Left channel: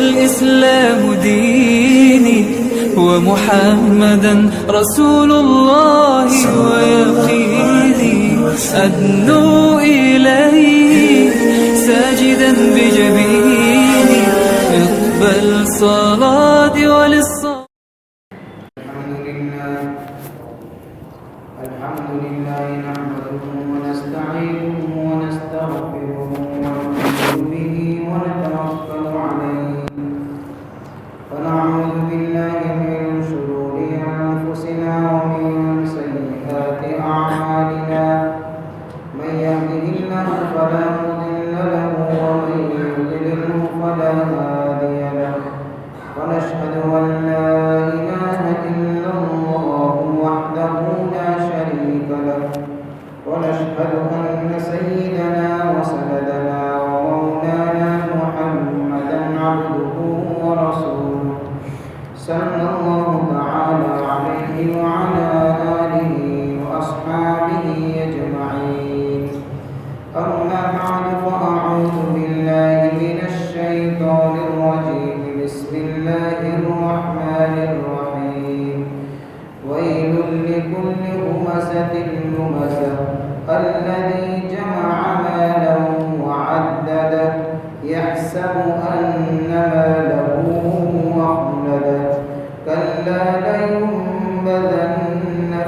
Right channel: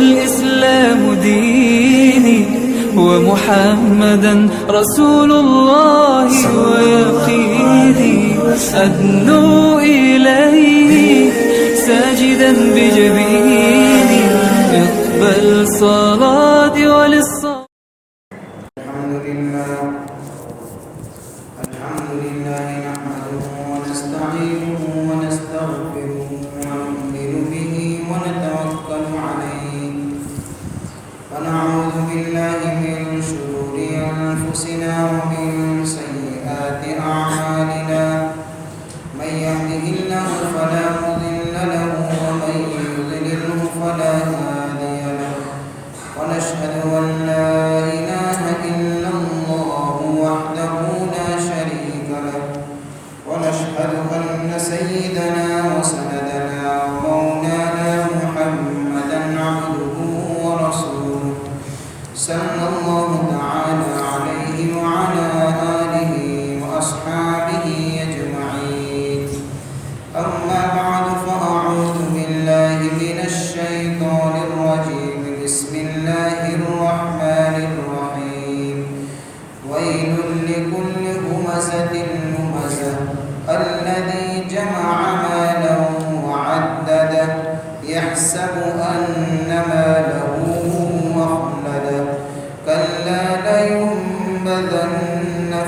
والإسلام ديني ومحمدا رسول الله ويقيني أدنو إليه ساجدا بجبيني اقبل صلاتي وللصلاة. الحمد لله نحمده ونستعينه ونستغفره ونؤمن به ونتوكل عليه ونعوذ بالله من شرور أنفسنا ومن سيئات أعمالنا من يهده الله فلا مضل له ومن يضلله فلا هادي له ونشهد أن لا إله إلا الله وحده لا شريك له ونشهد أن سيدنا وسندنا ومولانا محمدا عبده ورسوله صلى الله تعالى عليه وعلى آله وأصحابه أجمعين. أما بعد فأعوذ بالله من الشيطان الرجيم. بسم الله الرحمن الرحيم. ويل لكل همزة لمزة الذي جمع مالا وعدده يحسب أن ماله أخلده كلا لينبذن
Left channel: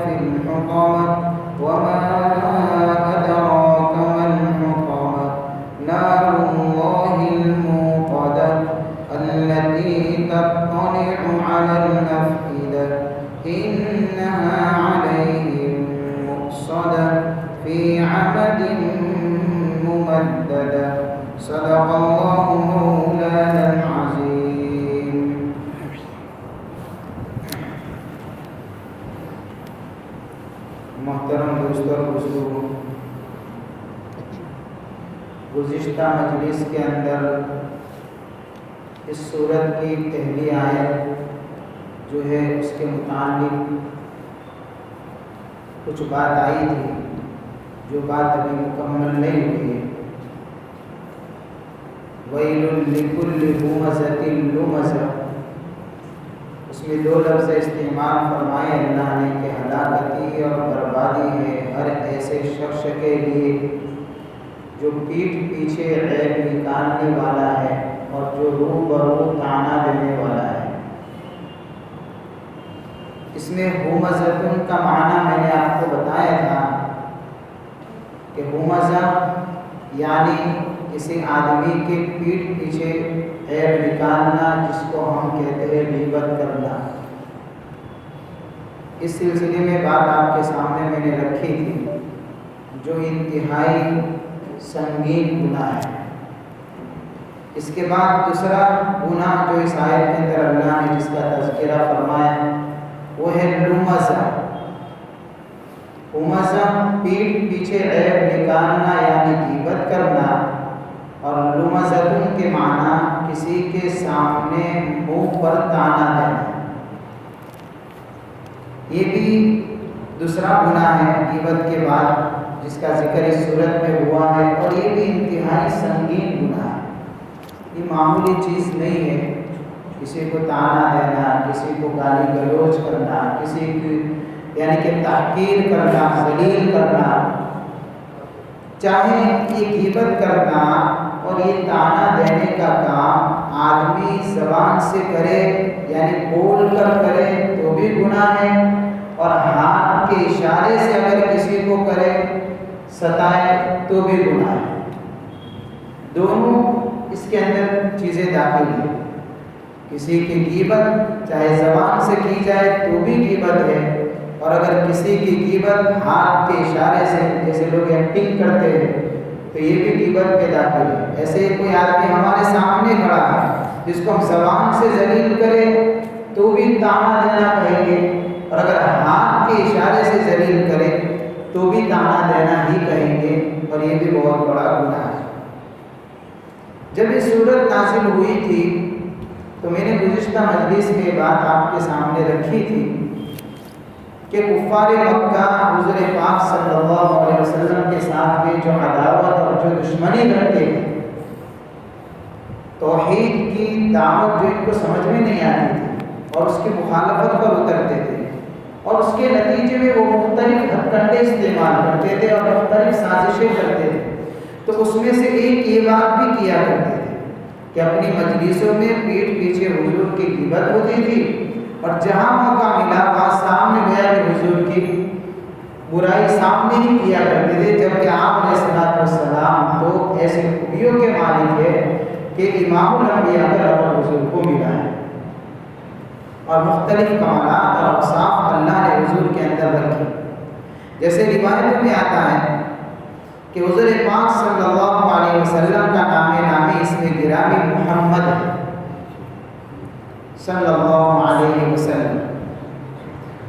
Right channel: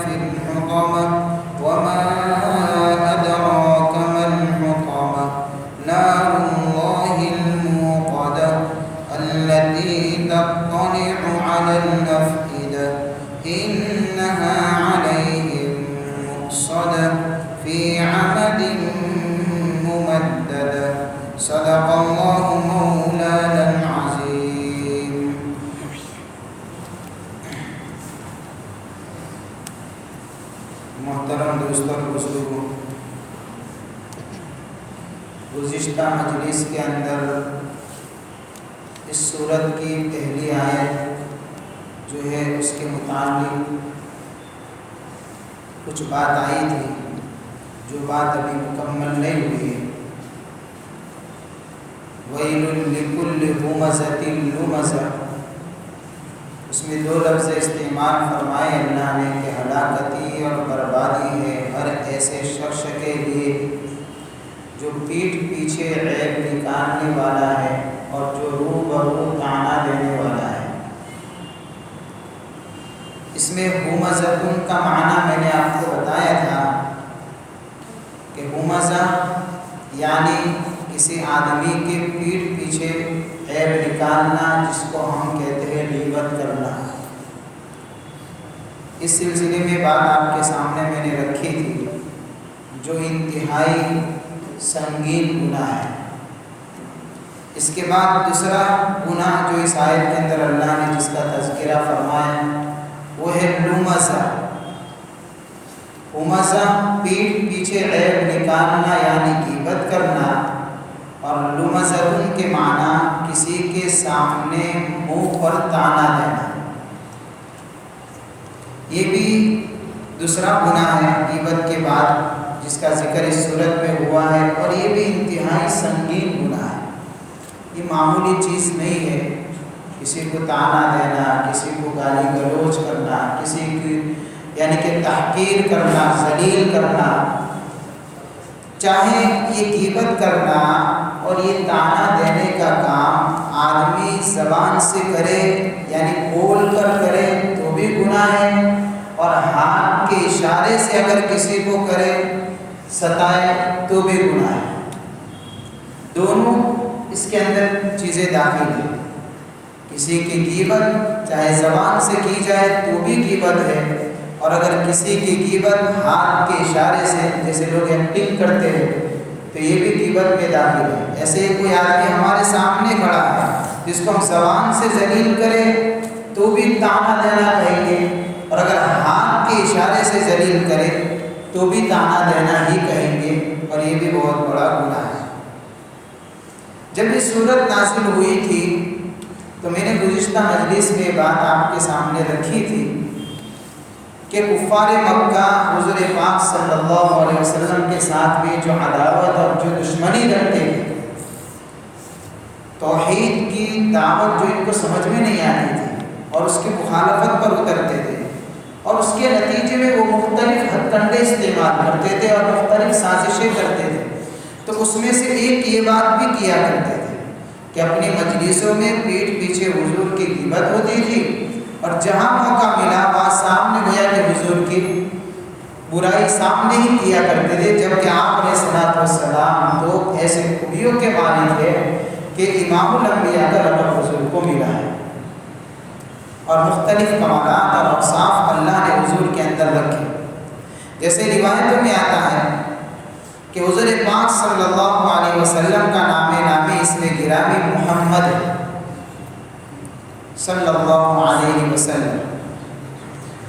في الحطمة وما أدراك ما الحطمة نار الله الموقدة التي تطلع على الأفئدة إنها عليهم مؤصدة في عمد ممددة. صدق الله مولانا العظيم. محترم دوستوں اور بزرگوں، گزشتہ مجلس کے اندر اس سورت کی پہلی آیت جو ہے اس کے متعلق کچھ بات آئی تھی، جو بات ابھی مکمل نہیں ہوئی ہے. وَيْلٌ لِكُلِّ هُمَزَةٍ لُمَزَةٍ، اس میں دو لفظ استعمال فرمائے اللہ نے کہ ہلاکتی اور بربادی ہے ہر ایسے شخص کے لیے جو پیٹھ پیچھے عیب نکالنے والا ہے اور جو روح برو طعنہ دینے والا ہے. اس میں ہمزتن کا معنی میں نے آپ کو بتایا تھا کہ ہمزہ یعنی کسی آدمی کے پیٹھ پیچھے عیب نکالنا، جس کو ہم کہتے ہیں غیبت کرنا. اس سلسلے میں بات آپ کے سامنے میں نے رکھی تھی جو انتہائی سنگین گناہ ہے. اس کے بعد دوسرا گناہ جو اس آیت کے اندر اللہ نے جس کا تذکرہ فرمایا وہ ہے لمزہ. لمزہ پیٹھ پیچھے عیب نکالنا یعنی غیبت کرنا، اور لمزتن کے معنی کسی کے سامنے منہ پر طعنہ دینا. یہ بھی دوسرا گناہ ہے غیبت کے بعد جس کا ذکر اس صورت میں ہوا ہے، اور یہ بھی انتہائی سنگین گناہ ہے. یہ معمولی چیز نہیں ہے. کسی کو طعنہ دینا، کسی کو گالی گلوچ کرنا، کسی کی یعنی کہ تحقیر کرنا، ذلیل کرنا، چاہے یہ غیبت کرنا اور یہ طعنہ دینے کا کام آدمی زبان سے کرے یعنی بول کر کرے تو بھی گناہ ہے، اور ہاتھ کے اشارے سے اگر کسی کو کرے ستائے تو بھی گناہ ہے. دونوں اس کے اندر چیزیں داخل ہیں. کسی کی غیبت چاہے زبان سے کی جائے تو بھی غیبت ہے، اور اگر کسی کی غیبت ہاتھ کے اشارے سے جیسے لوگ ایکٹنگ کرتے ہیں تو یہ بھی غیبت میں داخل ہے. ایسے ہی کوئی آدمی ہمارے سامنے کھڑا ہے جس کو ہم زبان سے ذلیل کرے تو بھی طعنہ دینا کہیں گے، اور اگر ہاتھ کے اشارے سے ذلیل کرے تو بھی طعنہ دینا ہی کہیں گے، اور یہ بھی بہت بڑا گناہ ہے. جب یہ صورت نازل ہوئی تھی تو میں نے گزشتہ مجلس میں بات آپ کے سامنے رکھی تھی کہ کفار مکہ حضور پاک صلی اللہ علیہ وسلم کے ساتھ بھی جو عداوت اور جو دشمنی رکھتے ہیں، توحید کی دعوت جو ان کو سمجھ میں نہیں آتی تھی اور اس کی مخالفت پر اترتے تھے، اور اس کے نتیجے میں وہ مختلف ہتھ کنڈے استعمال کرتے تھے اور مختلف سازشیں کرتے تھے، تو اس میں سے ایک یہ بات بھی کیا کرتے تھے کہ اپنی مجلسوں میں پیٹھ پیچھے حضور کی غیبت ہوتی تھی، اور جہاں موقع ملا وہاں سامنے گویا کہ حضور کی برائی سامنے ہی کیا کرتے تھے، جبکہ آپ علیہ الصلوۃ والسلام تو ایسے خوبیوں کے مالک ہے کہ امام الانبیاء کا لقب حضور کو ملا ہے، اور مختلف کمالات اور اوصاف اللہ نے حضور کے اندر رکھے۔ جیسے روایتوں میں آتا ہے کہ حضور پاک صلی اللہ علیہ وسلم کا نام نامی اس میں گرامی محمد ہے صلی اللہ علیہ وسلم،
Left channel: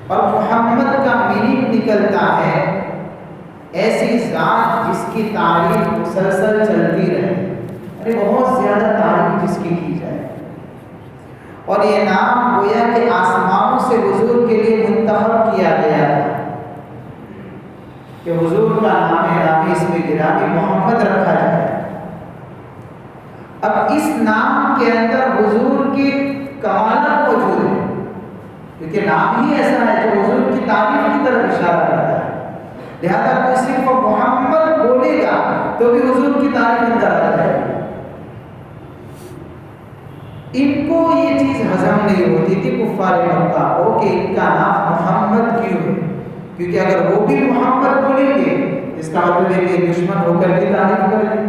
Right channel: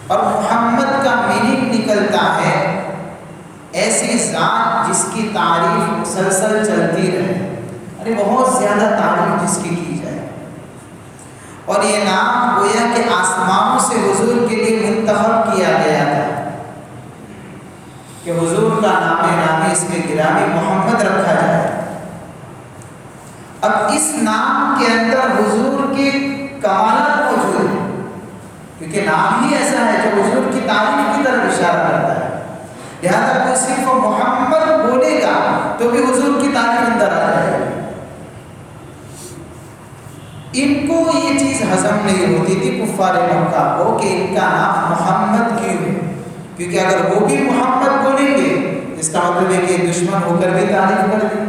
اور محمد کا میننگ نکلتا ہے ایسی ذات جس کی تعریف مسلسل چلتی رہے، ارے بہت زیادہ تعریف جس کی جائے، اور یہ نام گویا کہ آسمانوں سے حضور کے لیے منتخب کیا گیا تھا کہ حضور کا نام نامی اس میں گرامی محمد رکھا جائے۔ اب اس نام کے اندر حضور کی کمالات موجود ہیں، کیونکہ نام ہی ایسا ہے جو حضور کی تعریف کی طرف اشارہ کرتا ہے، لہذا کوئی صرف محمد بولے گا تو بھی حضور کی تعریف اندر آ جائے گی۔ ان کو یہ چیز ہضم نہیں ہوتی تھی کفار مکہ کو کہ ان کا نام محمد کیوں ہے، کیونکہ اگر وہ بھی محمد بولیں گے اس کا مطلب ہے کہ دشمن ہو کر بھی تعریف کر دیں،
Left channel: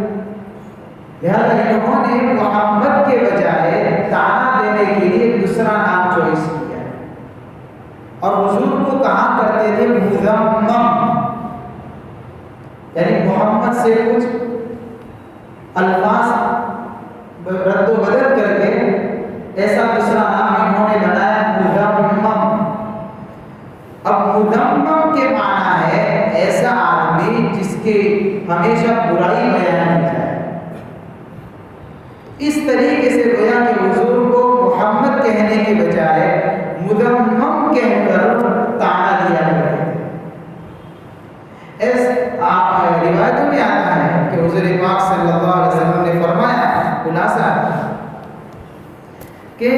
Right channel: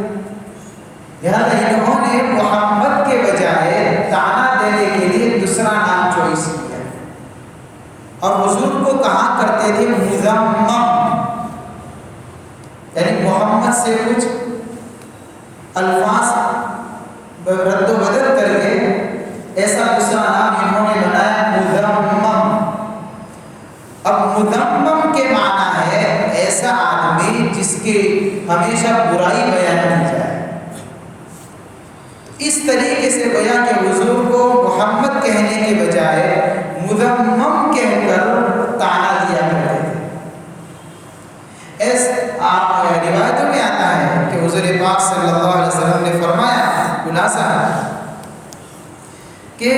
لہذا انہوں نے محمد کے بجائے تعنا دینے کے لیے دوسرا نام چوائس کیا، اور حضور کو کہا کرتے تھے مزمم، یعنی محمد سے کچھ الفاظ رد و بدل کر کے ایسا دوسرا نام انہوں نے بنایا مزمم۔ اب مزمم کے معنی ہے ایسا آدمی جس کے ہمیشہ برائی بیان کی جائے، اس طریقے سے گویا کہ حضور کو محمد کہنے کے بجائے مزمم کہہ کر تعنا دیا کرتے تھے۔ آپ روایتوں میں آتا ہے کہ حضور پاک صلی اللہ علیہ وسلم نے فرمایا خلاصہ کہ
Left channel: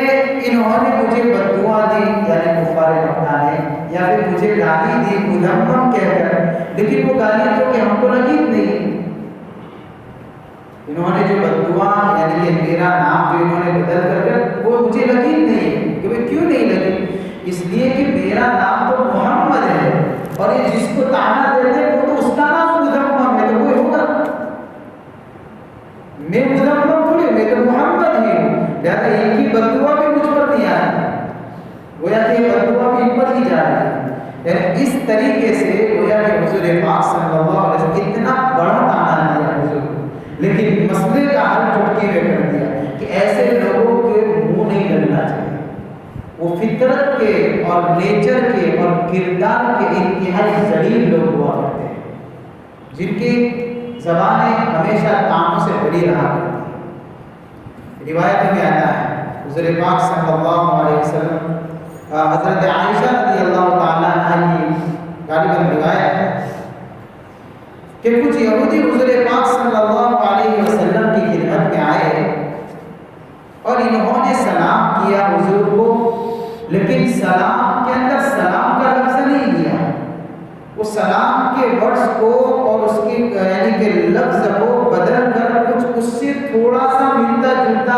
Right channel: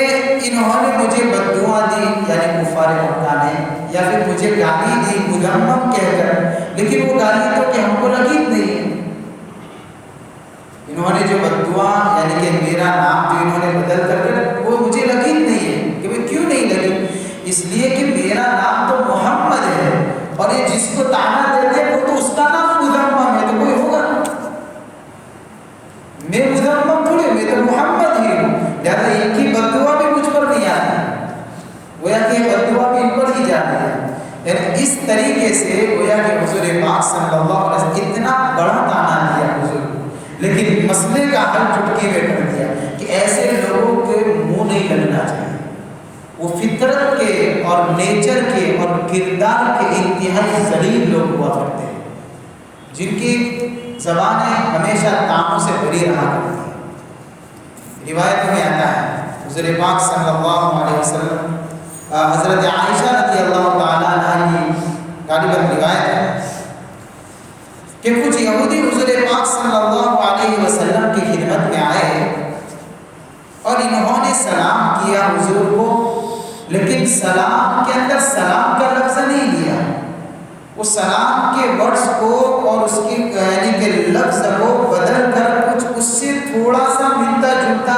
انہوں نے مجھے بددعا دی، یعنی کفار مکہ نے، یا پھر مجھے گالی دی مذمم کہہ کر، لیکن وہ گالی تو کہ ہم کو لگی نہیں، انہوں نے جو بددعا یعنی کہ میرا نام جو انہوں نے بدل کر وہ مجھے لگی نہیں ہے، کہ وہ کیوں نہیں لگی، اس لیے کہ میرا نام تو محمد ہے، اور یہ جس کو تعنا دیتے ہیں وہ تو اس کا نام مذمم ہے، تو کوئی ہوگا، میں مذمم تھوڑی، میں تو محمد ہی ہوں، لہٰذا ان کی بددعا بھی مجھ پر نہیں آئی، گویا کہ یہ بددعا بھی ان پر ہی جا رہی ہے، یعنی اس طریقے سے گویا کہ حضور پاک صلی اللہ علیہ وسلم اتنا بڑا تعنا دیا حضور کو، لیکن مسئلے کا حل چٹکی میں کر دیا کہ ایسے لوگوں کے منہ نہیں لگنا چاہیے، وہ فطرت کے اور نیچر کے اور کردار کے انتہائی ذلیل لوگ ہوا کرتے ہیں، جن کی زبانیں ہمیشہ تانوں سے بھری رہا کرتی ہیں۔ روایت میں آتا ہے حضور پاک صلی اللہ علیہ وسلم حضرت عائشہ رضی اللہ تعالیٰ عنہ کی غالباً روایت ہے کہ کچھ یہودی حضور پاک صلی اللہ علیہ وسلم کی خدمت میں آئے اور انہوں نے سلام کیا حضور کو، لیکن سلام کے اندر سلام کا لفظ نہیں لیا، وہ سلام کے ورڈز کو اور اس کی یعنی کہ لفظ کو بدل کر کچھ اس سے تھوڑا سا ملتا جلتا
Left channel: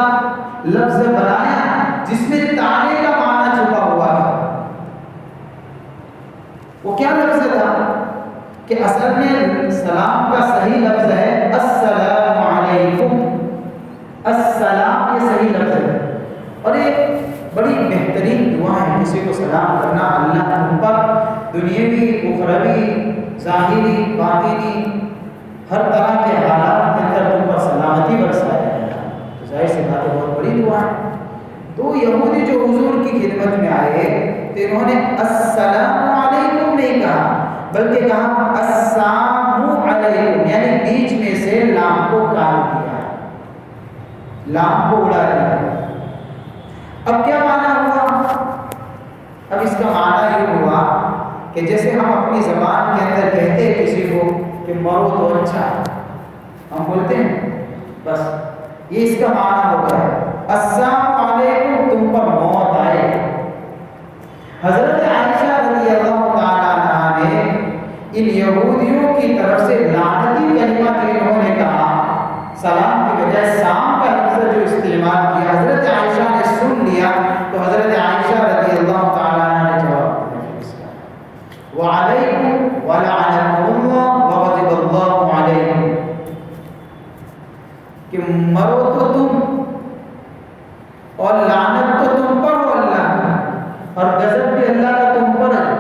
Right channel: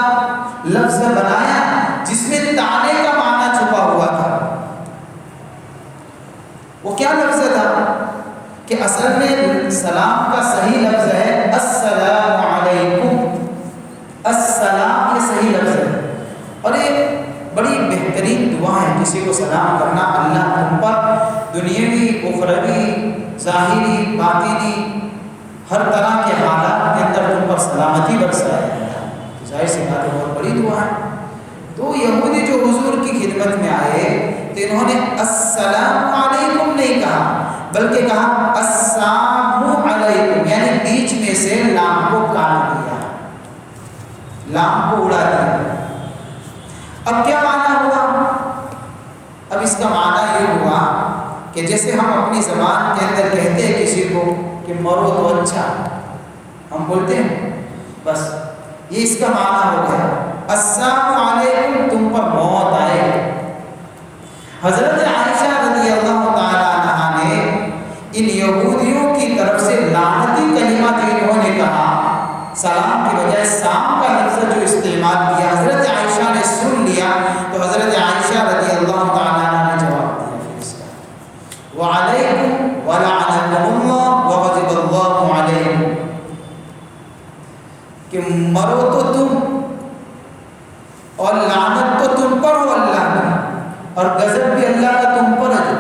لفظ بنایا جس میں تانے کا معنی چھپا ہوا تھا۔ وہ کیا لفظ تھا کہ اصل میں سلام کا صحیح لفظ ہے السلام علیکم، السلام یہ صحیح لفظ ہے، اور ایک بڑی بہترین دعا ہے کسی کو سلام کرنا، اللہ تم پر دنیاوی اخروی ظاہری باطنی ہر طرح کے حالات کے اندر تم پر سلامتی برسائے، تو ظاہر سی بات ہے بہت بڑی دعا ہے۔ تو یہودی جو حضور کی خدمت میں آئے تو انہوں نے السلام علیکم نہیں کہا بلکہ کہا السلام علیکم، یعنی بیچ میں سے لام کو کاٹ دیا، لام کو اڑا دیا۔ اب کیا معنی ہوا؟ اب اس کا معنی یہ ہوا کہ جیسے ہم اپنی زبان کے اندر کہتے ہیں کسی کو کہ مرو تو اچھا، ہم بولتے ہیں بس یہ اس کا معنی ہو گیا، السلام علیکم، تم پر موت آئے۔ حضرت عائشہ رضی اللہ تعالیٰ عنہا نے ان یہودیوں کی طرف سے لعنتی کلمہ جو انہوں نے کہا، سلام کی بجائے سام کا لفظ جو استعمال کیا، حضرت عائشہ نے سن لیا تو حضرت عائشہ رضی اللہ تعالیٰ عنہ نے جواب دیا پھر اس کا، وعلیکم ولعنکم اللہ وغضب اللہ علیکم، کہ مرو تو تم اور لعنت تو تم پر ہو اللہ کی، اور غضب بھی اللہ کا تم پر ہے۔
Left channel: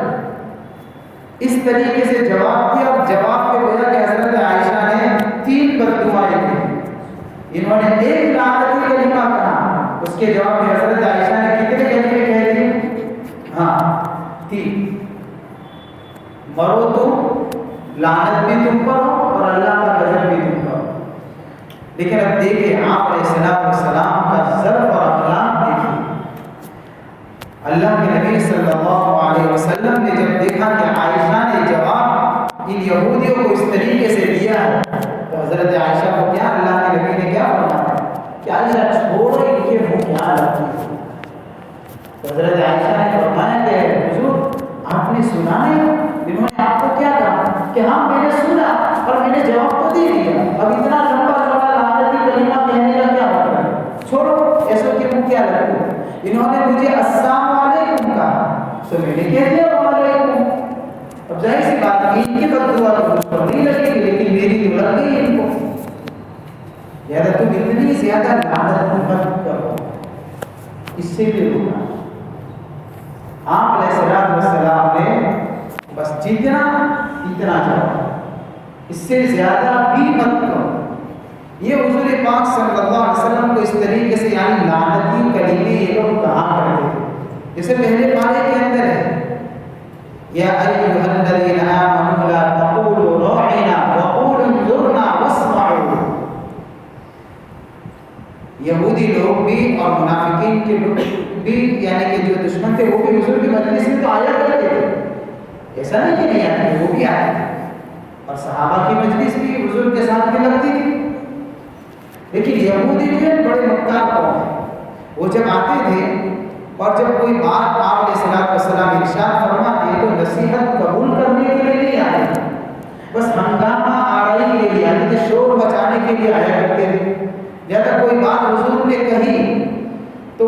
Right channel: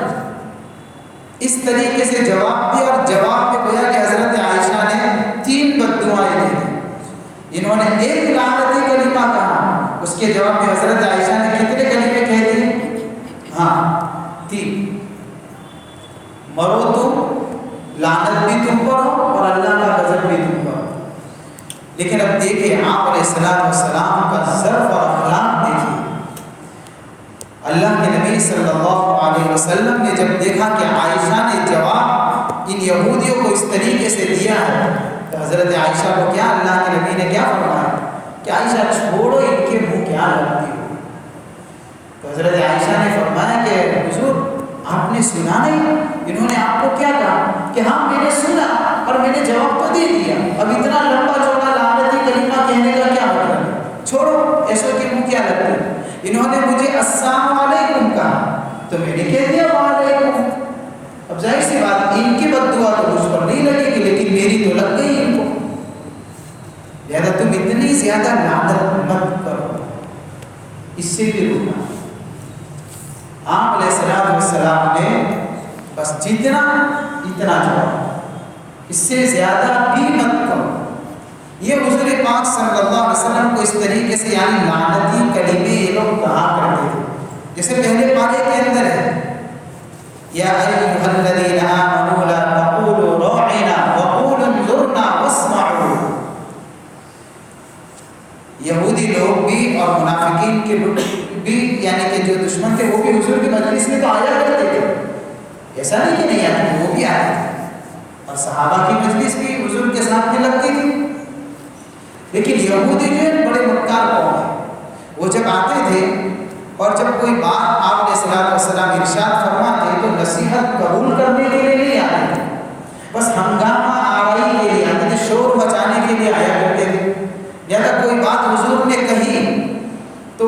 اس طریقے سے جواب دیا، اور جواب میں گویا کہ حضرت عائشہ نے 3 بد دعائیں دی۔ انہوں نے ایک لعنتی کلمہ کہا، اس کے جواب میں حضرت عائشہ نے کتنے کلمے کہہ دیے؟ ہاں 3، مرو تم، لعنت بھی تم پر ہو اور اللہ کا غضب بھی تم پر ہو۔ لیکن اب دیکھیں آپ علیہ السلام کا ظرف اور اخلاق دیکھیے۔ اللہ کے نبی صلی اللہ علیہ وسلم نے جب دیکھا کہ عائشہ نے جواب ان یہودیوں کو اس طریقے سے دیا ہے تو حضرت عائشہ کو کیا اللہ کے نبی نے کیا فرمایا کہ عائشہ چھوڑو ان کے منہ کیا لگتی ہو۔ تو حضرت عائشہ نے فرمایا کہ حضور آپ نے سنا نہیں، انہوں نے آپ کو کیا کہا کہ ہاں میں نے سنا اور میں نے جواب تو دے دیا، اب اتنا لمبا چوڑا لعنتی کلمہ کہنے کا کیا مطلب، چھوڑو ایسوں کے منہ کیا لگتی ہے۔ انہوں نے مجھے السلام علیکم کہا تو میں نے کہہ دیا وعلیکم۔ اب ظاہر سی بات ان کی بد دعا تو مجھ پر نہیں لگے گی، لیکن میری تو لگ گئی ان کو، لہذا تم اتنی زیادہ لعنت مت کرو، اس سے بھی روکنا۔ آپ علیہ السلام نے بس جتنا اتنا جواب، اس سے زیادہ بھی مت کرو۔ یہ حضور پاک صلی اللہ علیہ وسلم کو اس طریقے سے یعنی لعنتی کلمے یہ لوگ کہا کرتے تھے، جیسے پہلے پارے کے اندر ہے یا ایھا الذین آمنوا لا تقولوا راعنا وقولوا انظرنا واسمعوا۔ یہودی لوگ بھی اور منافقین کے بھی یعنی کہ جو دشمن تھے وہ بھی حضور کی مجلس میں تو آیا کرتے تھے، ایسا نہیں کہ نہیں آتے، وہ بھی آتے تھے، اور صحابہ کی مجلس بھی حضور کے ساتھ میں لگتی تھی۔ لیکن یہودی جو ہے بڑے مکار قوم ہے، وہ جب آتے تھے اور جب کوئی بات آپ علیہ السلام ارشاد فرماتے تو نصیحت قبول کرنے کے لیے نہیں آتے تھے، بس ہنگامہ آرائی کے لیے آتے تھے، شور مچانے کے لیے آیا کرتے تھے۔ یا اگر کوئی بات حضور نے کہی تو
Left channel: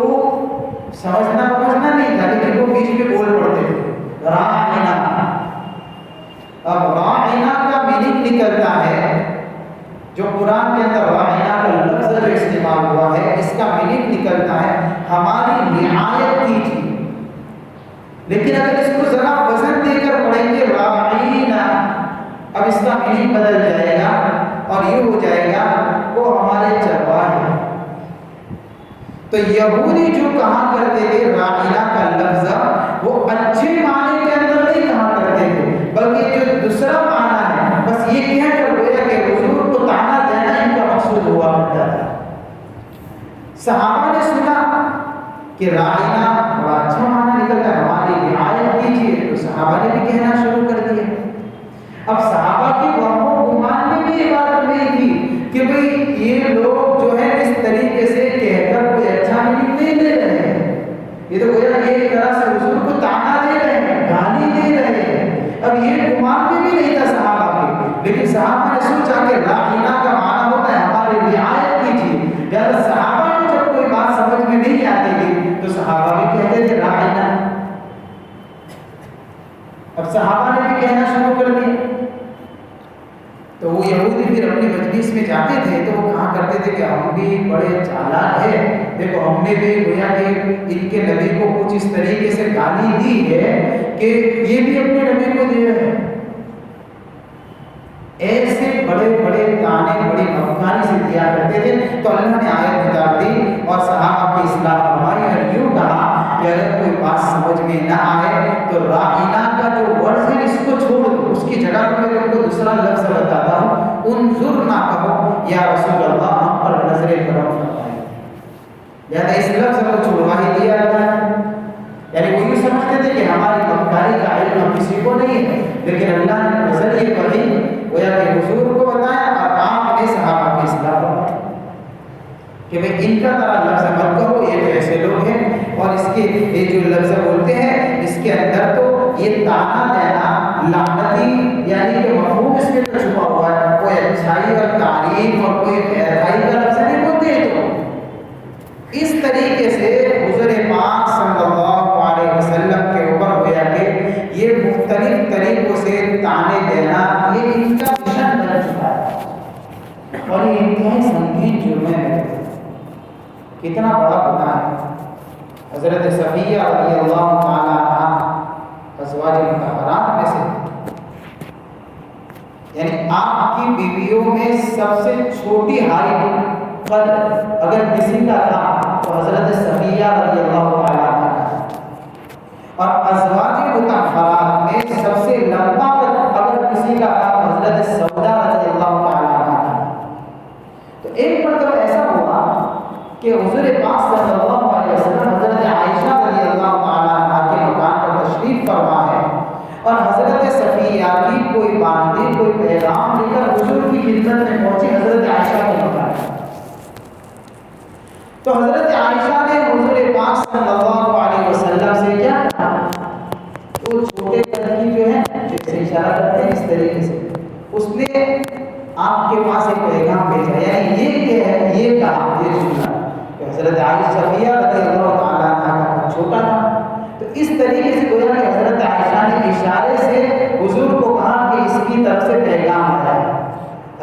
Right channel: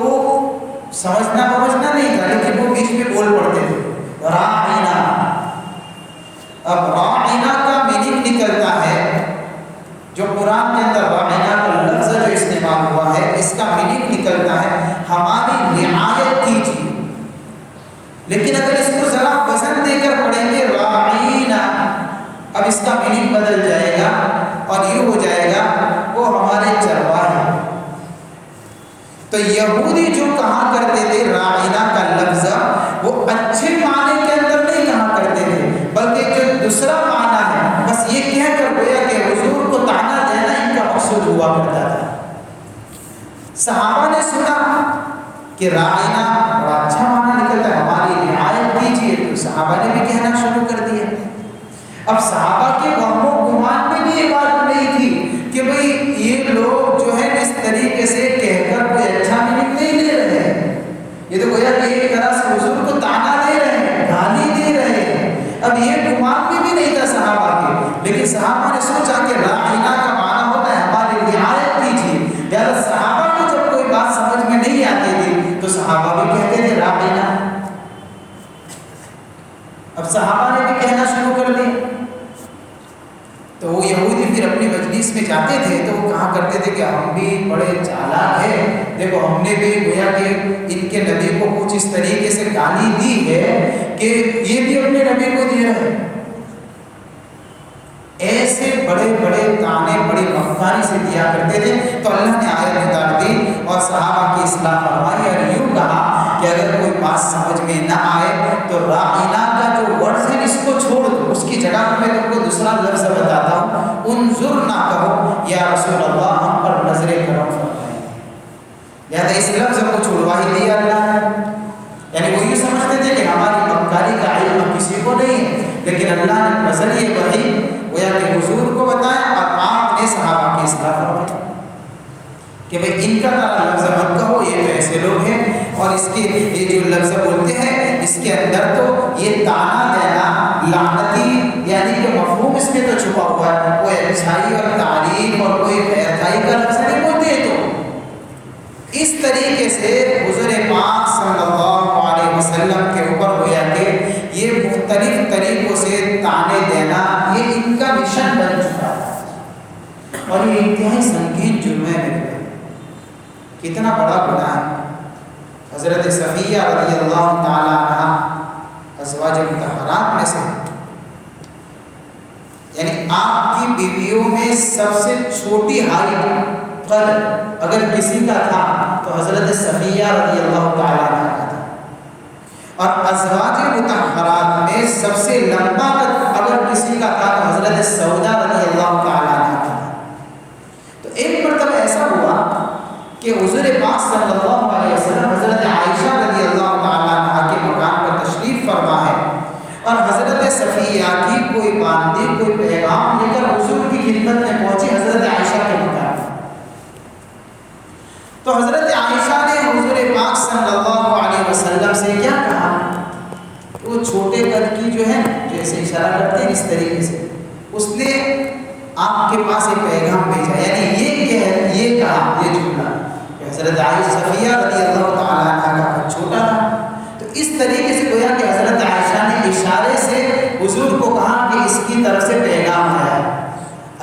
سمجھنا نہیں تھا، لیکن وہ بیچ میں بول پڑتے تھے راعنا۔ اب راعنا کا میننگ نکلتا ہے، جو قرآن کے اندر راعنا کا لفظ جو استعمال ہوا ہے اس کا میننگ نکلتا ہے ہماری رعایت کیجیے، لیکن اگر اس کو ذرا وزن دے کر پڑھیں گے راعینا، اب اس کا میننگ بدل جائے گا اور یہ ہو جائے گا وہ ہمارے چرواہے۔ تو یہودی جو کہا کرتے تھے راعینا کا لفظ وہ اچھے معنی کے اندر نہیں کہا کرتے تھے، بلکہ جو دوسرا معنی ہے بس یہ کہہ کر گویا کہ حضور کو طعنہ دینا ان کا مقصود ہوا کرتا تھا۔ صحابہ نے سنا کہ راعینا بڑا اچھا معنی نکلتا ہے، ہماری رعایت کیجیے، تو صحابہ نے بھی کہنا شروع کر دیا۔ اب صحابہ کے وہم و گمان میں بھی یہ بات نہیں تھی کہ بھئی یہ لوگ جو ہے اس طریقے سے کہہ کر کوئی اچھا میننگ نہیں لے رہے ہیں، یہ تو گویا کہ ایک طرح سے حضور کو طعنہ دے رہے ہیں، گالی دے رہے ہیں۔ اب یہ گمان میں بھی نہیں تھا صحابہ کے، لیکن صحابہ نے سوچا کہ راعینا کا معنی ہوتا ہے ہماری رعایت کیجیے، لہٰذا صحابہ کو جب کوئی بات سمجھ میں نہیں آتی تھی تو صحابہ بھی کہتے تھے راعینا۔ اب صحابہ نے بھی کہنا شروع کر دیا، تو وہ یہودی پھر اپنی مجلس میں جاتے تھے تو وہ کہا کرتے تھے کہ ہم بھی بڑے چالاک ہیں، دیکھو ہم نے بھی گویا کہ ان کے نبی کو کچھ اس طریقے سے گالی دی ہے کہ یہ بھی اپنے نبی کو دیا ہے۔ ایسے بڑے بڑے طعنے بڑی مکاری سے دیا کرتے تھے۔ تو اللہ نے آیت اتار دی اور صحابہ کی اصلاح فرمائی اور یوں کہا کہ اگر کوئی بات سمجھ میں نہ آئے تو راعینا کا جو ورڈ ہے اس کو چھوڑ دو، اس کی جگہ میں تم کو دوسرا لفظ بتاتا ہوں، انظر نہ کہو یا رسول اللہ ہم پر نظر کرم فرمائے، لہذا اس لفظ کو چھوڑوا ہی دیا اللہ نے۔ یعنی وہ یہ سمجھتے تھے کہ ہماری مکاری کا علم کسی کو نہیں ہے، لیکن اللہ نے نظریے وحی گویا کہ حضور کو بتایا اور آپ نے صحابہ کی اصلاح فرمائی۔ کہ بھئی ان کا طرح لفظ مت کہو، یہ تو ایسے لوگ ہیں، اور اس کے یہ جو لفظ بولتے ہیں اس کے اندر تو یہ تانا دینا لعنتی یعنی کہ مفہوم اس میں تو چھپا ہوا ہے، کوئی اچھائی اور تعریف اور کوئی خیرخواہی کا لفظ نہیں بولتے ہیں۔ تو اس طریقے سے حضور پاک صلی اللہ علیہ وسلم کے اوپر گویا کہ یہ مختلف طریقوں سے تانے دینا یہ ان کا مشن بن چکا ہے، اور یہ انتہائی سنگین جرم ہے۔ کتنا بڑا گناہ ہے۔ حضرت صفیہ رضی اللہ تعالی عنہ ازواج مطہرات میں سے، یعنی آپ کی بیویوں میں سب سے چھوٹی ہائٹ قد اگر کسی کا تھا تو حضرت صفیہ رضی اللہ تعالی عنہ کا تھا، اور ازواج مطہرات میں سب سے لمبا قد اگر کسی کا تھا تو حضرت سودا رضی اللہ تعالی عنہ کا تھا۔ تو ایک مرتبہ ایسا ہوا کہ حضور پاک صلی اللہ علیہ وسلم حضرت عائشہ رضی اللہ تعالیٰ عنہ کے مکان پر تشریف فرما ہے، اور حضرت صفیہ کی کوئی باندی کوئی پیغام لے کر حضور کی خدمت میں پہنچی حضرت عائشہ کے مکان پر۔ تو حضرت عائشہ نے حضور پاک صلی اللہ علیہ وسلم سے کیا کہا؟ وہ چھوٹے قد کی جو ہے جیسے اشارہ کرتے ہیں اس طریقے سے، اس نے آپ کے پاس ایک پیغام بھیجا، یعنی یہ کہا، یہ جملہ حضرت عائشہ صفیہ رضی اللہ تعالیٰ عنہ کا چھوٹا تھا۔ تو اس طریقے سے گویا کہ حضرت عائشہ نے اشارے سے حضور کو کہا کہ اس کی طرف سے پیغام آیا ہے۔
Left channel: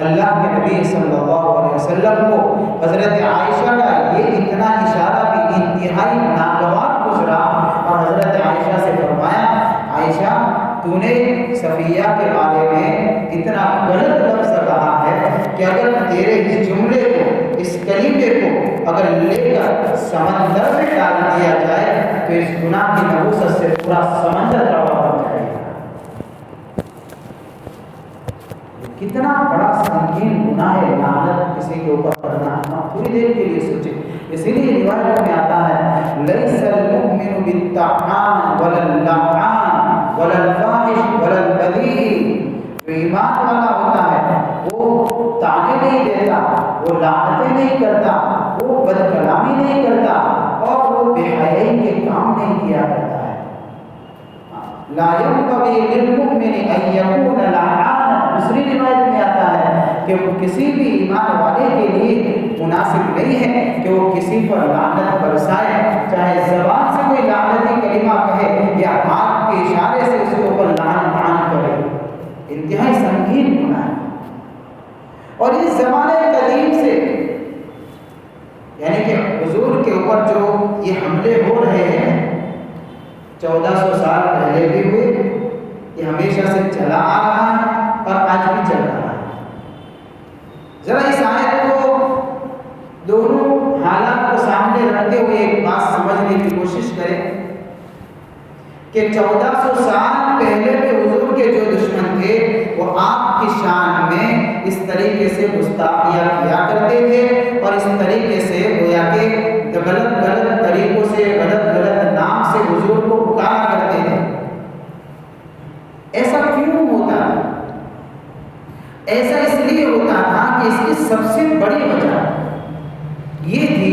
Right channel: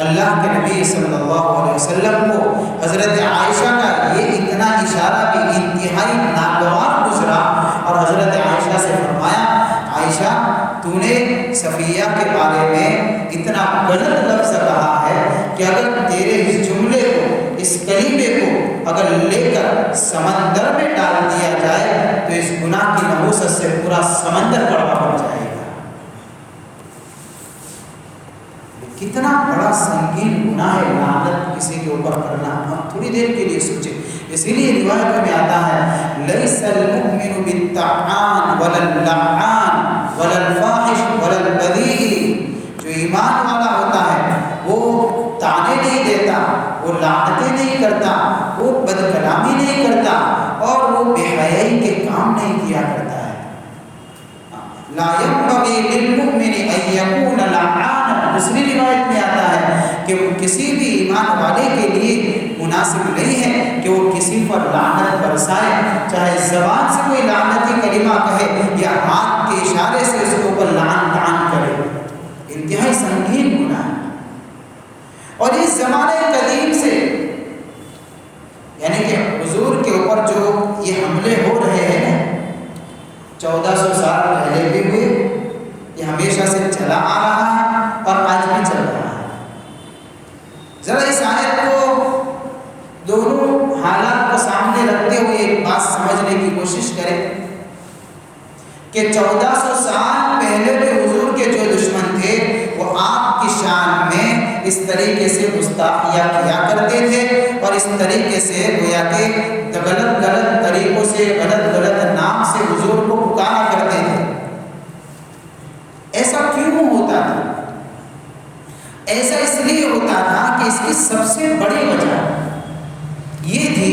اللہ کے نبی صلی اللہ علیہ وسلم کو حضرت عائشہ کا یہ اتنا اشارہ بھی انتہائی ناگوار گزرا، اور حضرت عائشہ سے فرمایا عائشہ تو نے صفیہ کے بارے میں اتنا غلط لفظ کہا ہے کہ اگر تیرے اس جملے کو اس کلمے کو اگر لے کر سمندر میں ڈال دیا جائے تو اس گناہ کی نحوست سے پورا سمندر کڑوا پڑ جائے گا۔ کتنا بڑا سنگین گناہ ہے لعنت کسی کے اوپر کرنا۔ آپ تھوڑی دیر کے لیے سوچیں، اسی لیے روایت میں آتا ہے لیس المؤمن بالطعان ولا اللعان ولا الفاحش ولا البذیء، جو ایمان والا ہوتا ہے وہ تانے نہیں دیتا، وہ لعنتیں نہیں کرتا، وہ بد کلامی نہیں کرتا، اور وہ بے حیائی کے کام نہیں کیا کرتا ہے۔ لا ينبغي للمؤمن ان يكون لعانا، دوسری روایت میں آتا ہے کہ وہ کسی بھی ایمان والے کے لیے مناسب نہیں ہے کہ وہ کسی پر لعنت برسائے، چاہے زبان سے کوئی لعنتی کلمہ کہے یا ہاتھ کے اشارے سے اس کے اوپر لعن طعن کرے۔ انتہائی سنگین گناہ ہے، اور اس زمانے قدیم سے یعنی کہ حضور کے اوپر جو یہ حملے ہو رہے ہیں 1400 سال پہلے بھی ہوئے، یہ ہمیشہ سے چلا آ رہا ہے اور آج بھی چل رہا ہے۔ ذرا اس آیت کو دونوں حالات کو سامنے رکھتے ہوئے ایک بات سمجھنے کی کوشش کریں کہ 1400 سال پہلے بھی حضور کے جو دشمن تھے وہ آپ کی شان میں اس طریقے سے گستاخیاں کیا کرتے تھے، اور اس طریقے سے گویا کہ غلط طریقوں سے غلط نام سے حضور کو پکارا کرتے تھے۔ ایسا کیوں ہوتا تھا؟ ایسا اس لیے ہوتا تھا کہ اس کی سب سے بڑی وجہ یہ تھی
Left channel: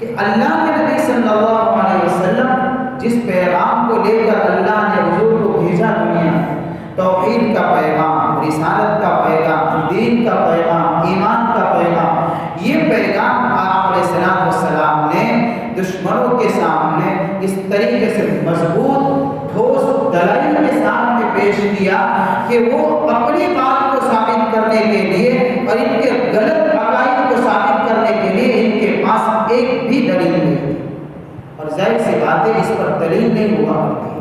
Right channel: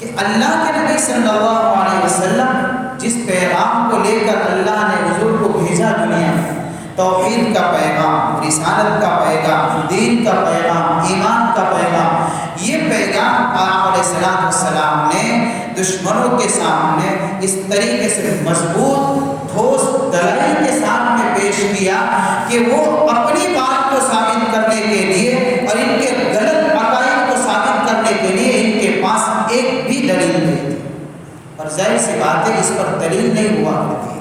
کہ اللہ کے نبی صلی اللہ علیہ وسلم جس پیغام کو لے کر اللہ نے حضور کو بھیجا دنیا میں، توحید کا پیغام، رسالت کا پیغام، دین کا پیغام، ایمان کا پیغام، یہ پیغام آپ علیہ السلام نے دشمنوں کے سامنے اس طریقے سے مضبوط ٹھوس دلائل کے سامنے پیش کیا کہ وہ اپنی بات کو ثابت کرنے کے لیے اور ان کے غلط عقائد کو ثابت کرنے کے لیے ان کے پاس ایک بھی دلیل نہیں تھی، اور ظاہر سی بات ہے اس پر دلیل نہیں ہوا کرتی،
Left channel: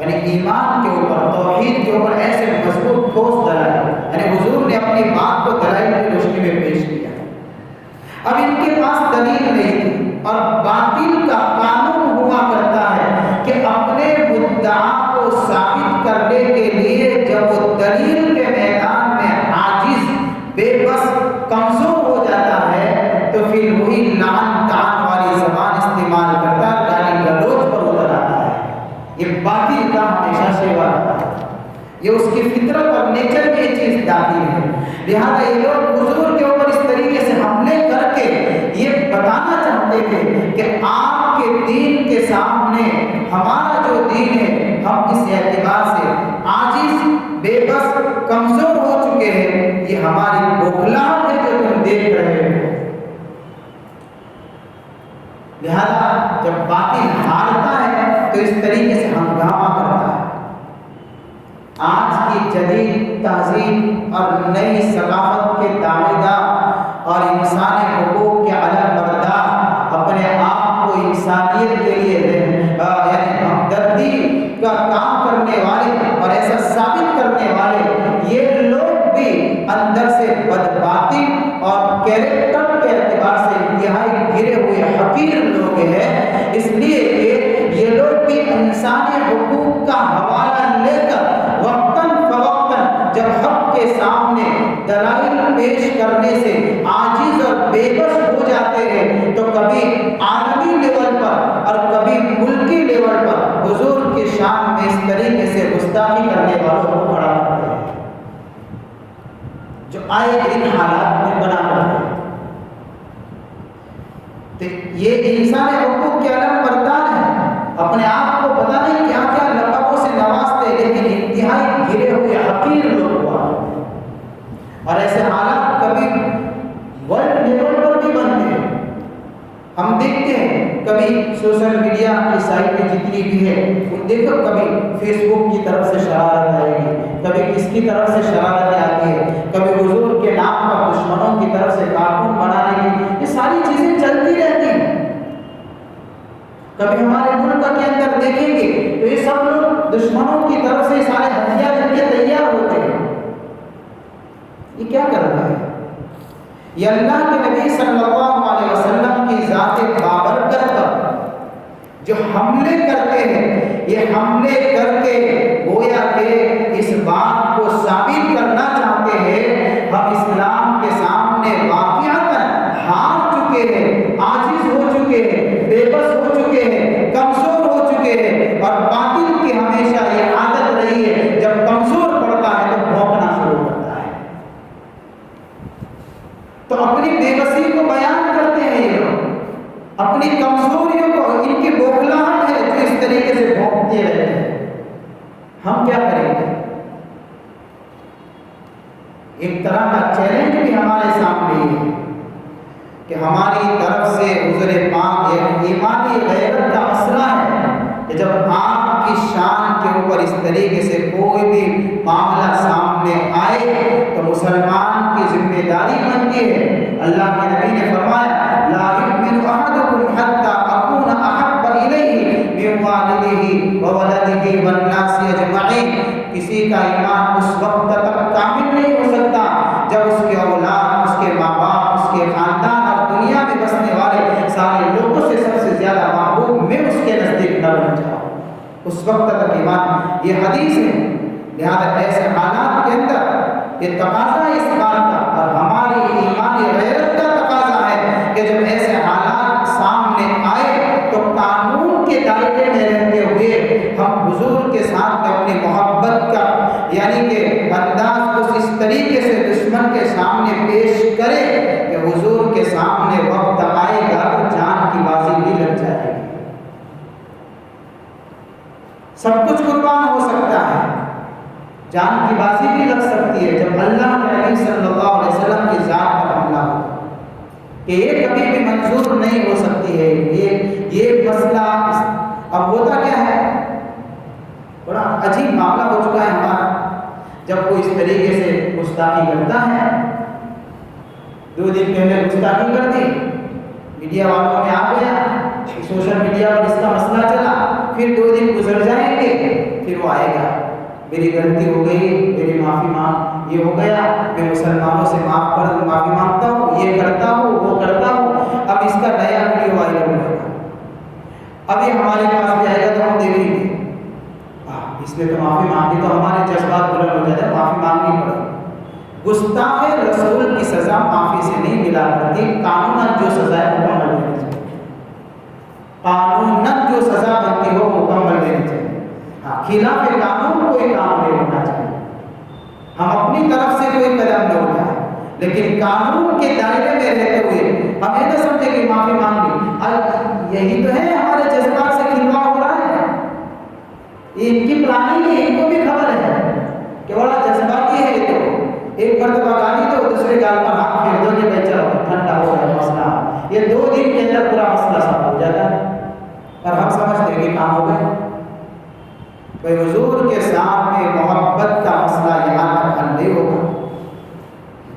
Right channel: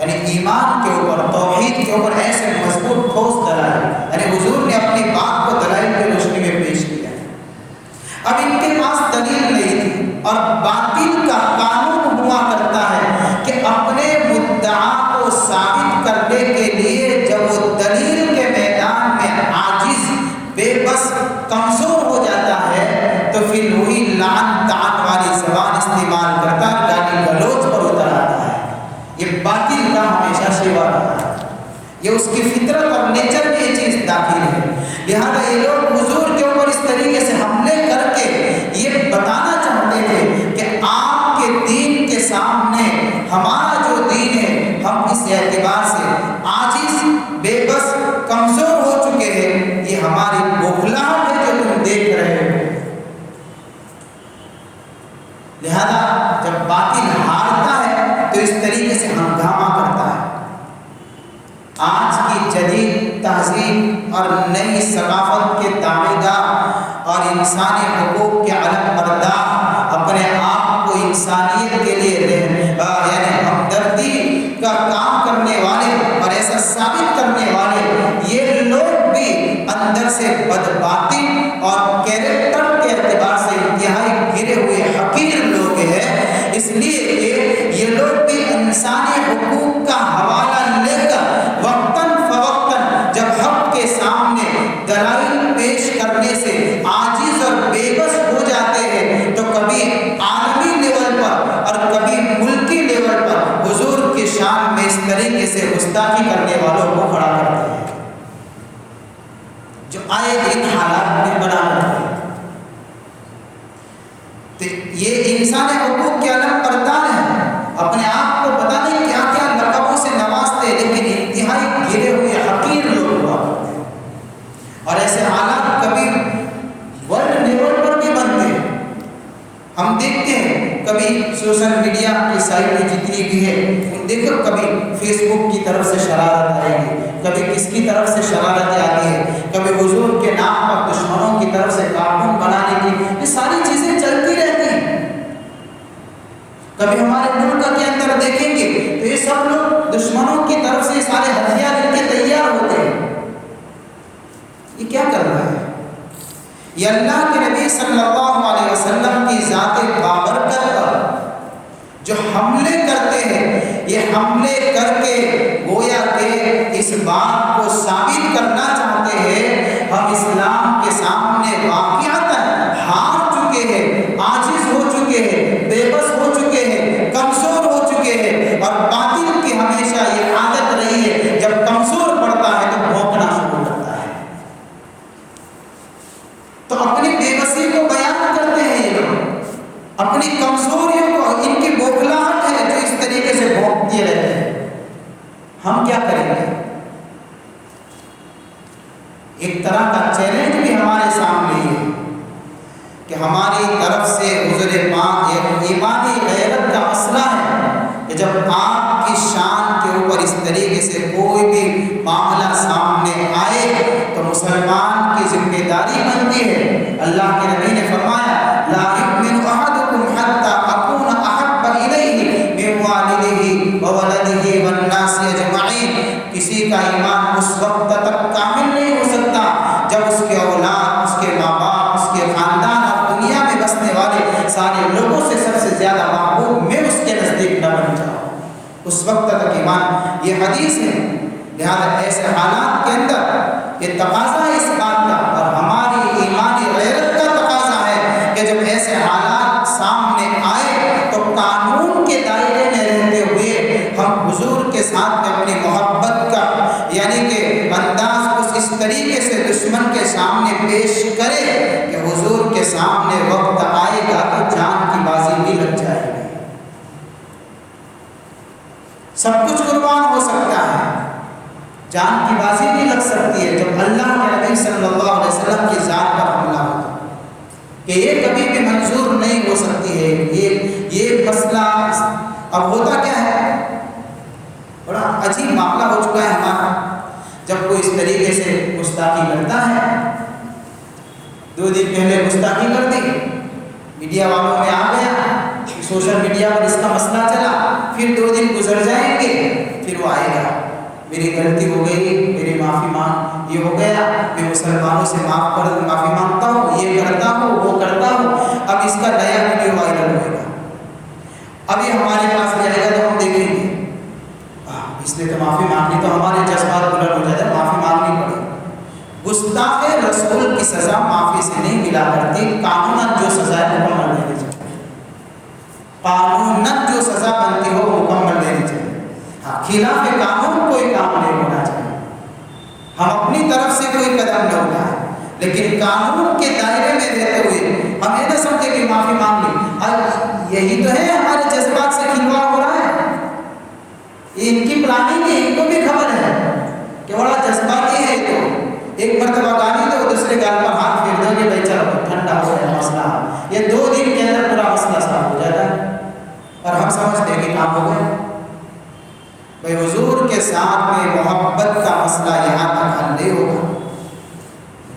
یعنی ایمان کے اوپر، توحید کے اوپر ایسے مضبوط ٹھوس دلائل، یعنی حضور نے اپنی بات کو دلائل کی روشنی میں پیش کیا۔ اب ان کے پاس دلیل نہیں تھی، اور باطل کا قانون ہوا کرتا ہے کہ اپنے مدعا کو ثابت کرنے کے لیے جب وہ دلیل کے میدان میں عاجز، بے بس، کمزور ہو جاتا ہے تو پھر وہی لعن طعن والی زبان استعمال کرتا، گالی گلوچ پر اتر آتا ہے۔ یہ باطل کا ہمیشہ شیوا رہا ہے، یہ اس کی فطرت اور نیچر میں یہ چیز داخل ہے۔ لہذا یہ لوگ حضور کے اوپر اس طریقے سے حملے اور انسانی حقوق کے علم بردار اپنے آپ کو انسانیت کے لیے یعنی ہمدردی کا کام کرنے والے اور ایسا ثابت کرنے والے یہ لوگ بھی اندر سے بدباطن اور کیریکٹر کے اعتبار سے انتہائی گرے ہوئے حقیر لوگ ہیں، اس لیے کہ یہ لوگ بھی انسانی حقوق کا حوالہ لے کر وقتاً فوقتاً جب حق کے سامنے دلائل پیش کرنے سے عاجز اور بے بس ہو جاتے ہیں تو کبھی عالمی لیول پر اور کبھی ملکی لیول پر حضور کی شان میں اس طریقے سے گستاخی کرنے والوں کو کھڑا کرتے ہیں جو آئے دن حالات میں بنا کرتے ہیں۔ یہ انسان حقوق کے علم بردار ہیں، اپنے آپ کو پتہ نہیں کیا کیا لقبوں سے نوازتے، لیکن انتہائی گرے ہوئے حقیر لوگ ہوا کرتے ہیں۔ اور ایسے حالات کبھی ورلڈ لیول پر بھی بنتے ہیں۔ ہم دیکھتے ہیں کبھی سوشل میڈیا کی سائٹیں جتنی بھی ہے دیکھو، کبھی فیس بک کی طرف سے شرارت آئے گی، کبھی کس کی طرف سے شرارتیں آتی ہے، کبھی حضور کے نام پر دشمنوں کی طرف سے کارٹون بنانے کی، یہ ساری چیزیں چلتی رہتی ہیں۔ کبھی ہمارے ملک کے اندر دیکھیں گے تو یہ سب لوگ دشمنوں کی طرف سے سارے ہتھیار ان کے تیار ہوتے ہیں۔ یہ کیا کر رہا ہے؟ یہ اللہ کے نبی صلی اللہ علیہ وسلم کی ذات بابرکت پر جو حملے کرتے ہیں، یہ حملے کر کے گویا کہ اس بات کو ثابت کرنا چاہتے ہیں ہم اسلام کے سامنے واقعتاً ہار چکے ہیں، عاجز ہو چکے ہیں، بے بس ہو چکے ہیں، کمزور ہو چکے ہیں۔ اور باطل کی ہمیشہ یہ عادت رہی ہے، جب کمزور پڑتا ہے تو بھونکنا شروع کرتا ہے، تو اپنی بے بسی کو بیان کرتے ہیں یہ لوگ، اپنی کمزوریوں کو، ان کی بوکھلاہٹ ہے جو اس طریقے سے بھونکتے رہتے ہیں۔ ہم کیا کریں گے؟ ایک طرح کا چیلنج بھی ہمارے سامنے ہے کہ ہماری طرف سے حضور پاک ایک ایمانی غیرت کا مسئلہ ہے کہ جب آپ کی شان کے اوپر اس طریقے سے کوئی بھی معاملہ سامنے آئے تو مسلمان کی ذمہ داری بنتی ہے۔ اللہ کے نبی نے فرمایا لا یؤمن احدکم حتی اکون احب الیہ من والدہ وولدہ والناس اجمعین، کسی کا ایمان اس وقت تک کامل نہیں ہو سکتا جب اس کے اولاد، اس کے ماں باپ، اس کے خاندان اور دنیا میں بسنے والے سارے لوگوں سے سب سے زیادہ محبوب میں اس کے نزدیک نہ بن جاؤں، اس وقت تک ایمان۔ یہ حدیث ہے، لہذا ایسے حالات کے اندر یہ تقاضا ہے اس بات کا، اور ہماری ایمانی غیرت کا تقاضا ہے کہ جب ایسے حالات سامنے آئے تو قانون کے دائرے میں رہتے ہوئے ہم حضور کے ساتھ میں اپنی محبت کا یعنی کہ انداز کو اس طریقے سے دشمن کے سامنے پیش کریں کہ حضور کے سامنے وقت آئے گا تو جان کی بازی بھی لگ جائے گی، سب کچھ قربان ہو سکتا ہے، جان کی بازی بھی لگ سکتی ہے جب اللہ کے نبی صلی اللہ علیہ وسلم کی ذات پر حملہ ہو، کہ یہ کبھی بھی منظور نہیں ہو سکتی ہے۔ یہ مسئلہ اب ہوتا کیا ہے، بڑا عجیب معاملہ ہو چکا ہے ہمارا، جب کوئی اس طریقے سے گستاخی کرتا ہے، 2 دن پہلے گستاخی کر دی، میڈیا والوں میں آ گیا، سوشل میڈیا پر اس کا مسئلہ چلا، پھر 2 دن گزر جائیں گے، پھر وہ آئے گا میری غلطی ہو گئی، میری معافی مانگ، یہ ہو گیا، میں مسلمانوں سے معافی مانگتا ہوں، یہ کرتا ہوں، وہ کرتا ہوں۔ اب اس کا نیا ویڈیو وائرل ہوئے گا، اب یہ ہمارے پاس بھی آئے گا تو ہم دیکھیں گے، اس نے تو معافی مانگی، تو ہمارے جذبات بلند ہو جاتے ہیں، معافی مانگنی پڑے۔ گستاخ رسول کی سزا معافی سے نہیں ملا کرتی، قانوناً جو سزا ہے مکمل دینی چاہیے، قانوناً جو سزا بنتی ہو مکمل دینی چاہیے، خلاف قانون کوئی کام نہیں ہونا چاہیے، ہم اپنی طرف سے کوئی قدم نہ اٹھائیں، لیکن قانون کے دائرے میں رہتے ہوئے ہم یہ نہ سمجھے کہ معافی مانگ لی، اب یہی تو ہے ہمارے جذبات سے کھلواڑ ہو رہا ہے، یہ ان کی پلاننگ ہے، ان کو بھی خبر ہے کہ بڑا جذباتی ہے، تو ایک مرتبہ گالی دو، دوسرے گال پر ہاتھ پھیر دو کہ بھائی چلو ٹھنڈا ہو جائے مسئلہ، یہ 2 دن کے اندر پورا مسئلہ صاف ہو جاتا ہے، اور ہم سمجھتے ہیں کہ کام ہو گئے۔ بھائی حضور کے ساتھ میں محبت کا مسئلہ یہاں تک حل نہیں ہوگا،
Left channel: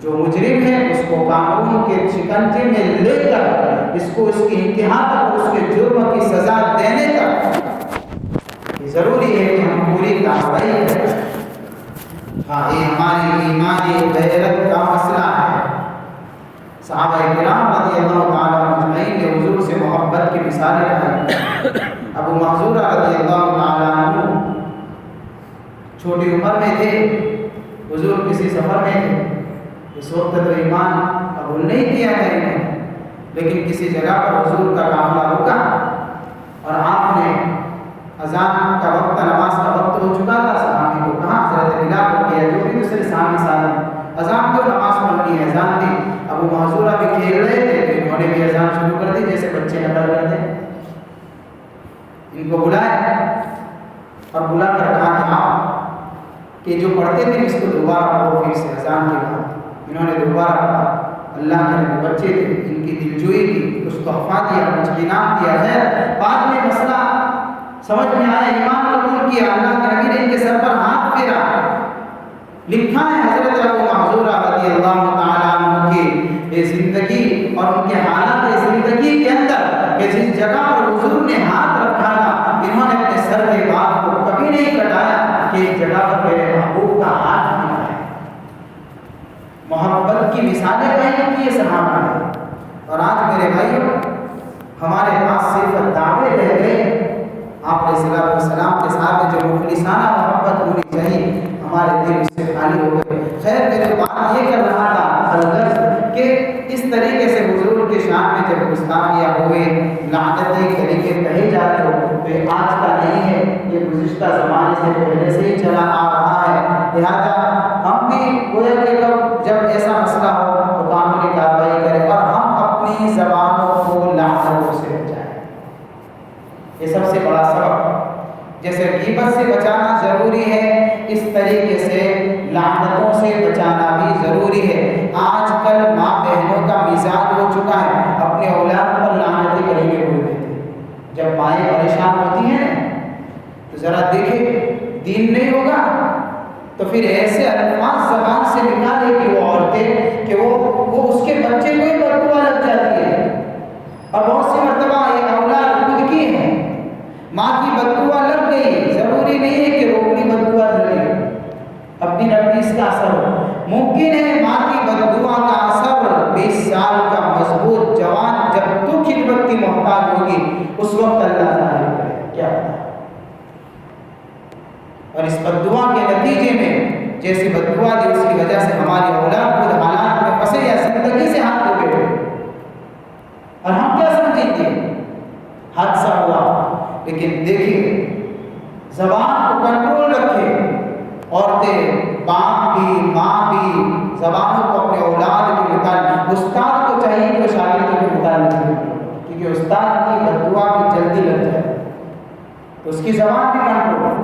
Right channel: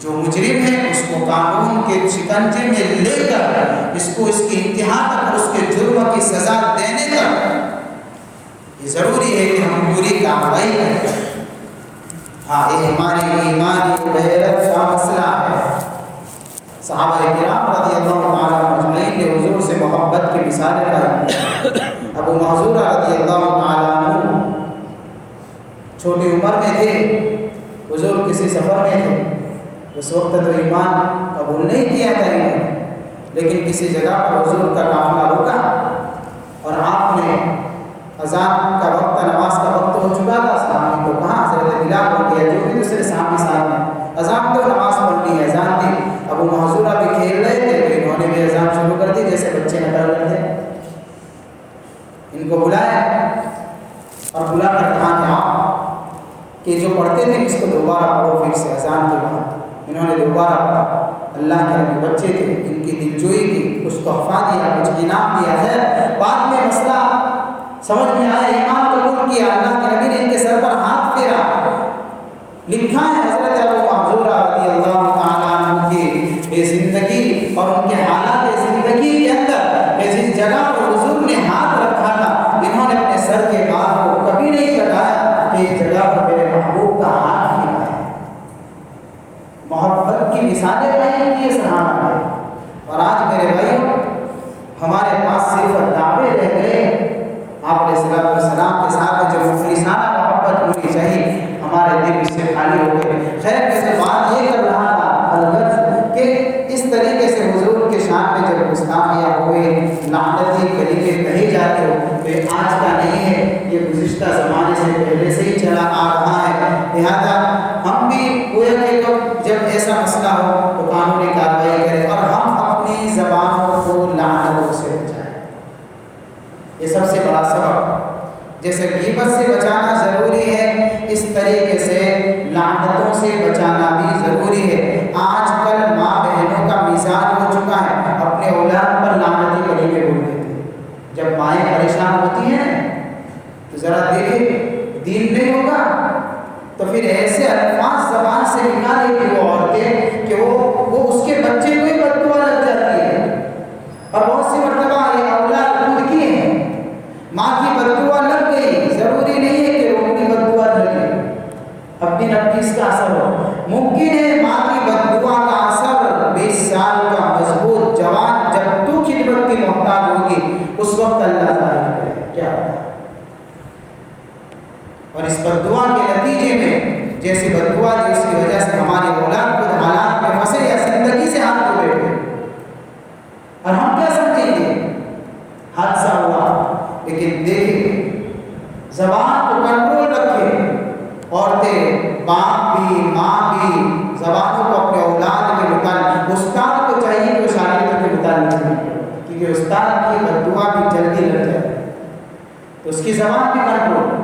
جو مجرم ہے اس کو کو قانون کے شکنجے میں لے کر اس کو اس کی انتہا تک اور اس کے جرم کی سزا دینے تک یہ ضروری ہے کہ ہم پوری کارروائی کریں۔ ہاں یہ ہماری ایمانی غیرت کا مسئلہ ہے۔ صحابہ کرام رضی اللہ تعالیٰ اجمعین نے حضور سے محبت کی مثالیں قائم۔ ابو محذورہ رضی اللہ تعالیٰ عنہ چھوٹی عمر میں تھے، حضور کسی سفر میں تھے، اس وقت تو ایمان قبول نہیں کیا تھا انہوں، لیکن کسی جگہ پر حضور کا قافلہ رکا اور آپ نے اذان کا وقت، نماز کا وقت ہو چکا تھا، صحابی کو کہا، حضرت بلال کو کیا، جو بھی دوسرے صحابی صاحب نے اذان تو نماز پڑھنی ہے، اذان تھی۔ ابو محذورہ بھی کھیل رہے تھے کہ انہوں نے بھی اذان شروع کر دی جیسے بچے نکل رہے تھے۔ ان کو بلایا اور بلا کر کہا کہ آپ کہ جو پڑھتے تھے اس کو دوبارہ پڑھو پھر سے اذان کے بعد۔ انہوں نے دوبارہ پڑھا۔ اللہ کے نبی بچے تھے، ان کی دلجوئی کی، کچھ تحفہ دیا، کچھ انعام دیا ہے۔ بعد میں مسئلہ سمجھ میں آیا، ایمان قبول کیا، اللہ کے نبی نے ان کے سر پر ہاتھ پھیرا۔ لکھا ہے حضرت ابو محذورہ رضی اللہ تعالیٰ عنہ کی زندگی اور ان کے حالات زندگی کے اندر کہ جس جگہ پر حضور نے ہاتھ رکھا تھا، انہوں نے اپنے سر کے بال کو کبھی نہیں کٹایا کہ ایک جگہ پر میرے محبوب کا ہاتھ ملا ہے۔ محبت کی مثالیں قائم کی صحابہ نے۔ اور آج میرے بھائیوں ہمارے پاس صرف دعوے رہ گئے۔ آپ علیہ الصلوۃ والسلام کے ساتھ جو مخلصانہ محبت ہونی چاہیے، ہمارے دل اس سے خالی ہو گئے۔ خیر میں سے بات یہ کر رہا تھا الغرض کہ اس طریقے سے حضور کے شان میں جب گستاخیاں ہوئے، لعنتی طریقے کہے جاتے ہو، تو یہ آج کا نہیں ہے، یہ گزشتہ زمانے سے پہلے سے ہی چلا آ رہا ہے۔ لہٰذا ہم بھی گویا کہ جب ایسا مسئلہ ہو تو قانونی کارروائی کریں اور ہم اپنی زبانوں کو لعنتوں سے بچائیں۔ یہ سب سے بڑا سبب، جیسے غیبت سے بچانا ضروری ہے، اس طریقے سے لعنتوں سے بچانا بھی ضروری ہے۔ آج کل ماں بہنوں کا مزاج ہو چکا ہے، اپنے اولاد پر لعنتی کلمے بول دیتے ہیں۔ جب مائیں پریشان ہوتی ہیں تو ذرا دیکھیں، دین نہیں ہوگا تو پھر ایسے الفاظ زبان سے نکالے کہ وہ عورتیں کہ وہ اس کے بچے کو ہی بد دعا لگ جاتی ہے۔ اور بہت سی مرتبہ یہ اولاد خود کی ہے، ماں کی بد دعا لگ گئی، ضروری نہیں ہے کہ وہ اپنی بد دعا لگے، اپنی رب اس کا اثر ہو۔ ممکن ہے ماں کی بد دعا کا اثر 20 سال کا مضبوط جوان جب تو خدمت کی محتاج ہوگی اس وقت اللہ ظاہر کرے، کیا پتہ۔ اور اس بد دعا کے نتیجے میں جیسے بد دعا دی، اس کی وجہ سے ہماری اولاد خود حالات میں پھنسے یا زندگی سے ہاتھ دھو بیٹھے، اور ہم کیا سمجھیں گے حادثہ ہوا۔ لیکن دیکھیں، زبان کو کنٹرول رکھیں، عورتیں، باپ بھی، ماں بھی، زبانوں کو اپنے اولاد کے متعلق، استاد کو چاہیے کہ شاگردوں کے متعلق کرے، کیونکہ استاد کی بد دعا بھی جلدی لگ جائے تو اس کی زبان بھی کنٹرول۔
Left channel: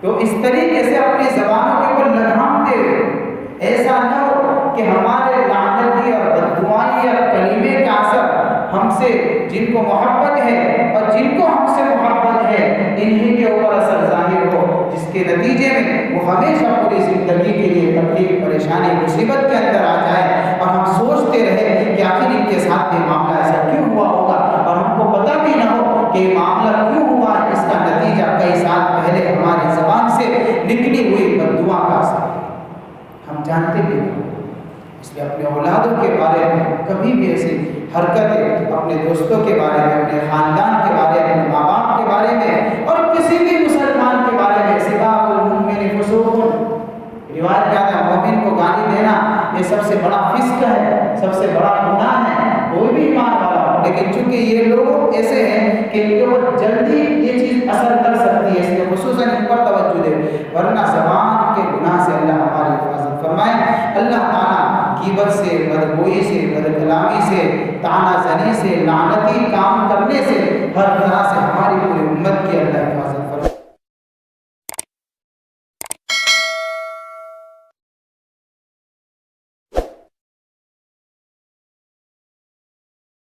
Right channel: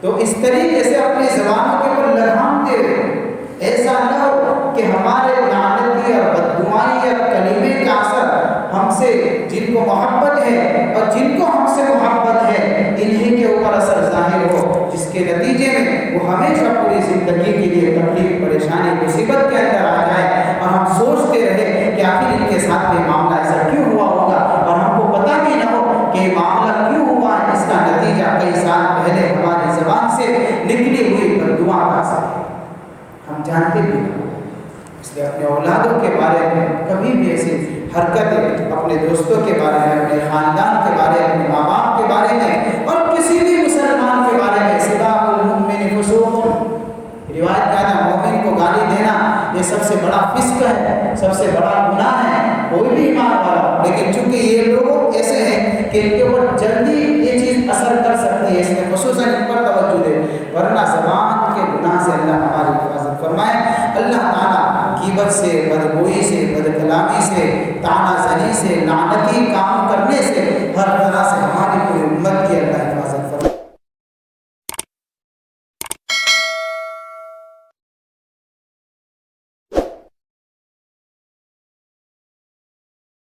تو اس طریقے سے اپنی زبانوں کے اوپر لگام دے، ایسا نہ ہو کہ ہمارے لعنتی اور بد دعائی اور کلمے کا اثر ہم سے جن کو محبت ہے اور جن کو ہم سے محبت ہے انہی کے اوپر اثر ظاہر ہو، جس کے نتیجے میں وہ ہمیشہ پوری زندگی کے لیے تکلیف، پریشانی، مصیبت کے اندر آ جائے اور ہم سوچتے رہے کہ آخر ان کے ساتھ یہ معاملہ ایسا کیوں ہوا ہوگا، اور ہم کو پتہ بھی نہ ہو کہ یہ معاملہ کیوں ہوا ہے۔ اس کا نتیجہ کئی سال پہلے ہماری زبان سے نکلی ہوئی بد دعا کا اثر ہے، ہم جانتے بھی نہیں۔ اس لیے اپنے اولادوں کے بارے میں کبھی بھی ایسی حرکتیں، اپنے دوستوں کے بارے میں، اپنے خاندان کے بارے میں، اپنے ماں باپ کے بارے میں اور کسی بھی مسلمان کے بارے میں، سباب المؤمن فسوق، روایت کیا ہے مومن کو گالی دینا یہ سب سے بڑا فسق ہے، سب سے بڑا گناہ ہے، کوئی بھی ایمان والا۔ لیکن چونکہ یہ لوگ ایسے ہیں کہ ان کے اوپر جلدی یہ چیز اثر کر سکتی ہے، اس لیے خصوصاً ان پر توجہ دے، ورنہ زبان کے گناہ سے اللہ ہماری حفاظت فرمائے۔ اللہ تعالیٰ غیبت سے، بدگوئی سے، بد کلامی سے، طعنہ زنی سے، لعنتی کام کرنے سے